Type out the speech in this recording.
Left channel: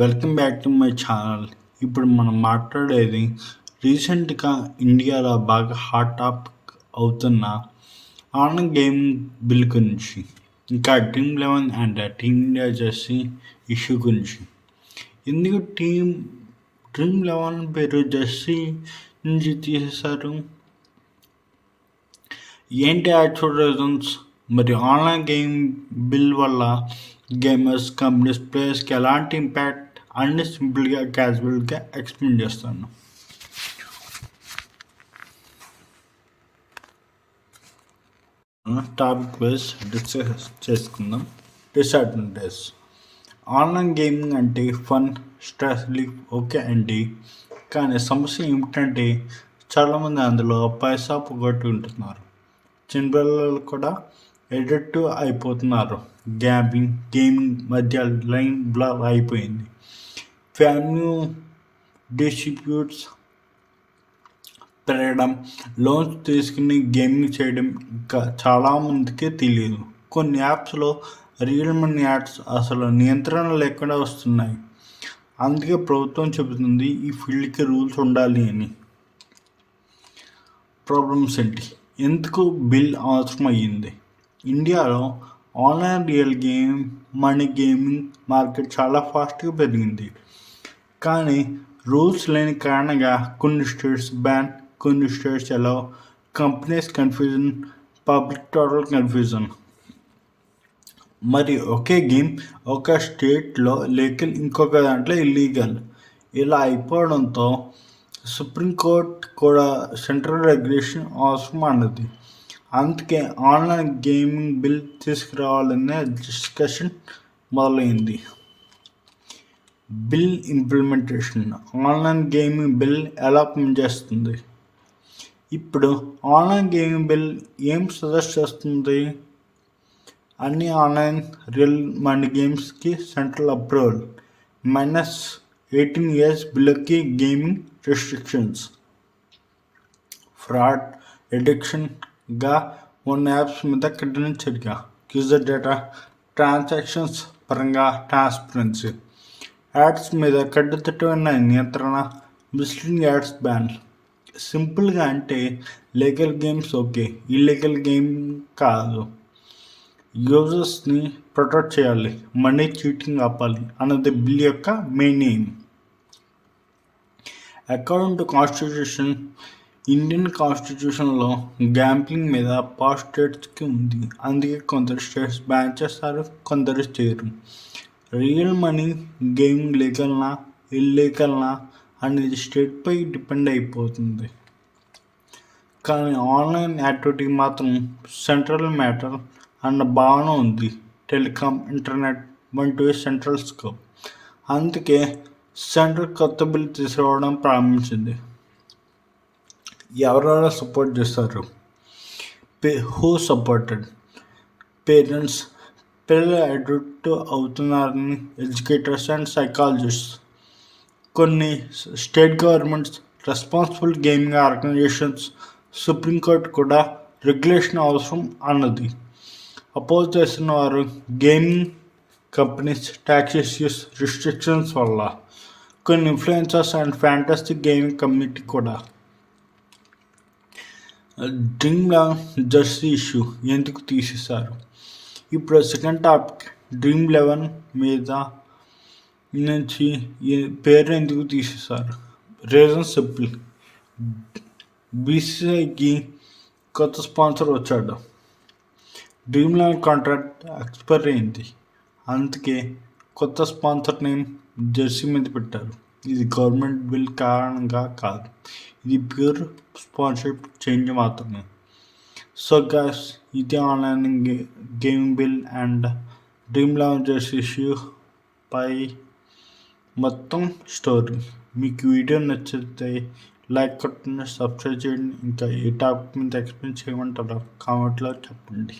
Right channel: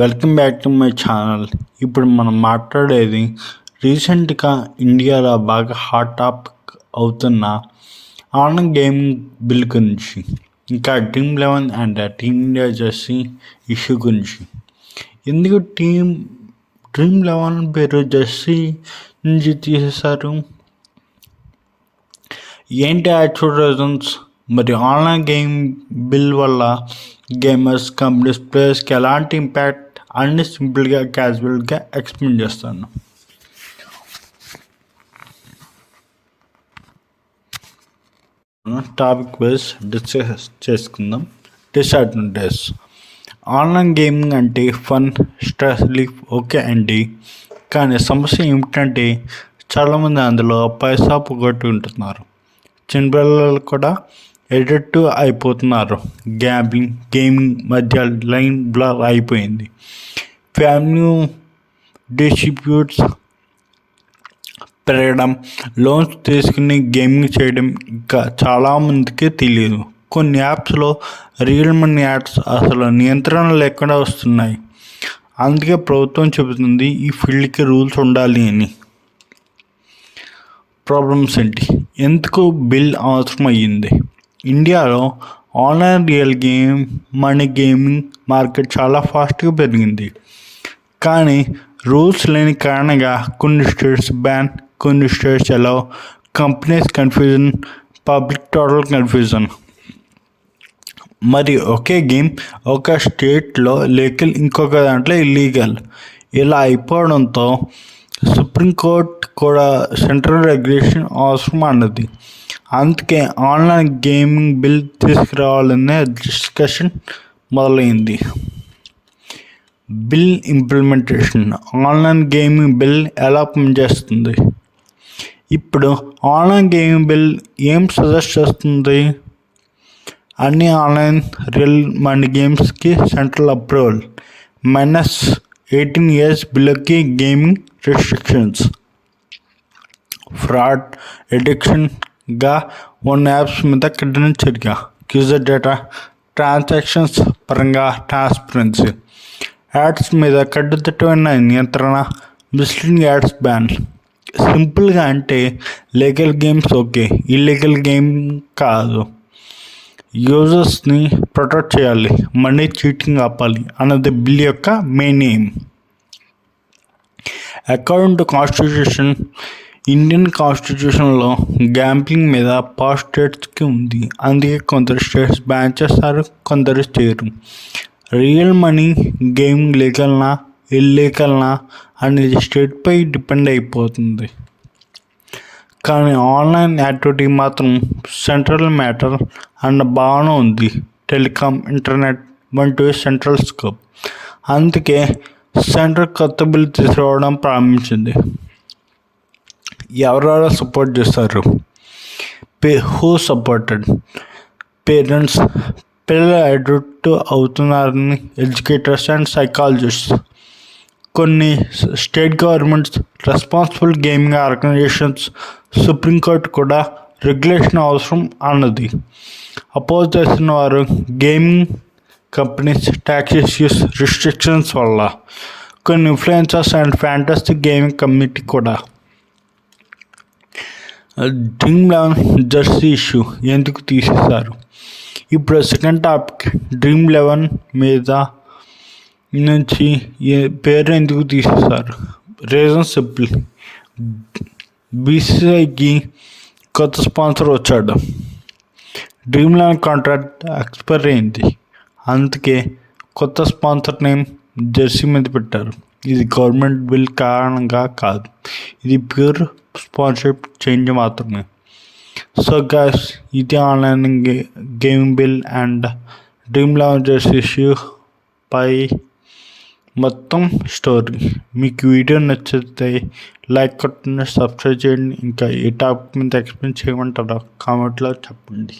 Welcome back to my channel. ఇప్పుడు మనం మాట్లాడేది రీసెంట్గా ఇండియాలో బాగా హాట్ టాపిక్ అవుతున్న ఆన్లైన్ గేమింగ్ బిల్ గురించి, ఇంకా Dream eleven and team India jersey issue గురించి. ఎందుకు డ్రీమ్11 పేరు జెర్సీ నుంచి తీసేశారు, ఏంటి యాక్చువల్ రీజన్స్, మరి ఆన్లైన్ గేమ్ బిల్ వల్ల గేమర్స్, కంపెనీస్, ప్లేయర్స్కి ఎలాంటి ఇంపాక్ట్ అన్ని సింపుల్గా క్యాజువల్గా ఎక్స్ప్లెయిన్ చేస్తాను. టాపిక్ వైజ్ డిస్కస్ చేసుకుందాం. డిసడ్వాంటేజ్. ఆన్లైన్ గేమింగ్ అంటే ఫన్, స్ట్రెస్ రిలీఫ్ ఓకే అండి, కానీ సమస్య ఏమిటంటే చాలామంది అందులో పైసా పోగొట్టుకుంటున్నారు. చిన్నపిల్లలు కూడా ఎడిక్టివ్ అయిపోతున్నారు. గేమింగ్ మధ్య లైన్ బ్లర్ అయిపోయింది. ఫ్యామిలీ డిస్ట్రిబ్యూట్స్ పెరగడం, లోన్స్ తీసుకుని గేమింగ్ చేయడం ఇంకా చాలామందికి తెలియదు. కొన్ని యాప్స్లో రియల్ మనీ యాడ్స్ అసలు నియంత్రణ లేకుండా వస్తున్నాయి. అందుకే ప్రభుత్వం చెబుతుంది ఈ ఫీల్డ్కి రూల్స్ ఉండాలి అని. ప్రాబ్లమ్స్ ఏంటి, ఎందుకు బిల్ అవసరం అయ్యింది? ఇండియాలో online real money gaming market చాలా ఫాస్ట్గా పెరిగింది. కానీ రూల్స్ లేని కారణంగా కొన్ని స్టేట్స్ బ్యాన్, కొన్ని states allow, companies confusion, public total confusion. మరి ఒకే గేమ్ ఒక స్టేట్లో లీగల్, ఇంకొక దాంట్లో ఇల్లీగల్. ఇలా అయిపోవడంతో సుప్రీంకోర్టు కూడా సెంట్రల్ రెగ్యులేషన్ అవసరం అన్నది. అందుకే ఆన్లైన్ గేమింగ్ బిల్ తీసుకురావాలనే డిస్కషన్ మొదలైంది. Bill implementation. Online gaming bill ఎలా పనిచేస్తుంది? ఇప్పుడు ఆన్లైన్ గేమింగ్ బిల్ ఏం సజెస్ట్ చేస్తుంది? అన్ని ఆన్లైన్ రియల్ మనీ గేమ్స్కి సెంట్రల్ అప్రూవల్, -18 years బిల్లుకి గేమింగ్ రెస్ట్రిక్షన్స్, ఫ్రాడ్, ఎడిక్షన్గా ఉన్న యాప్స్ మీద కఠిన చర్య, యూజర్ డేటా, ట్రాన్సాక్షన్స్ పరంగా ట్రాన్స్పరెన్సీ, యాడ్స్ మీద కట్టుదిట్టమైన నియంత్రణ, మిస్లీడింగ్ యాడ్స్ బ్యాన్. సింపుల్గా అంటే legal games okay, illegal game కాదు. యూజర్స్ని ప్రొటెక్ట్ చేయాలి, మనీ చీటింగ్ ఆపాలి అన్నది బిల్ యొక్క main aim. According to constitution, Indian కాన్స్టిట్యూషన్లో గ్యాంబ్లింగ్ మీద పవర్ స్టేట్స్కి ఉంది. అందుకే కొందరు స్టేట్స్ బ్యాన్ చేస్తారు, కొందరు చేయరు. రియల్ మనీ గేమింగ్ లీగల్నా ఇల్లీగల్నా అనేది స్టేట్పై డిపెండ్ అయిపోతుంది. కానీ ఆన్లైన్ యాక్టివిటీ మాత్రం సెంట్రల్ మ్యాటర్ అన్న భావన ఉంది. టెలికాం, ఇంటర్నెట్ వంటివి సెంట్రల్ స్కోప్. అందుకే సెంట్రల్ కొత్త బిల్ తీసుకురావడం ప్రారంభించింది. ఎవరెవరు సపోర్ట్ చేస్తారు? Who supported? పేరెంట్స్, పిల్లలు అడిక్ట్ అవుతున్నారని ఎడ్యుకేటర్స్ అండ్ సైకాలజిస్ట్స్, కొన్ని state governments, responsible gaming organizations, supreme court కూడా రెగ్యులేషన్ అవసరం అన్నది. అపోజ్ చేసిన వారు gaming companies, tax issues, restrictions వల్ల, కొన్ని influencers and fantasy gaming community కూడా. డ్రీమ్11 జెర్సీ ఇష్యూ ఎందుకు తీసేశారు? ఇప్పుడు సెకండ్ టాపిక్. డ్రీమ్11 మీద నుంచి పేరు ఎందుకు తీసేశారు? Reason simple. బీసీసీఐకి కొత్త స్పాన్సర్ వచ్చాడు. డ్రీమ్11 కాంట్రాక్ట్ ఎక్స్పైర్ అయింది. అందుకే కొత్త స్పాన్సర్ నేమ్ జెర్సీ మీద పెట్టారు. ఇది గవర్నమెంట్ బిల్ కారణంగా కాదు, ఇది ప్యూర్ స్పాన్సర్షిప్ చేంజ్ మాత్రమే. సో గైస్, ఇది online gaming bill and Dream eleven jersey issue పై మొత్తం స్టోరీ. మీకు వీడియో నచ్చితే లైక్ కొట్టండి, సబ్స్క్రైబ్ చేయండి. ఇంకా ఏ టాపిక్ మీద ఎక్స్ప్లెయిన్ చేయమంటారో కామెంట్లో చెప్పండి.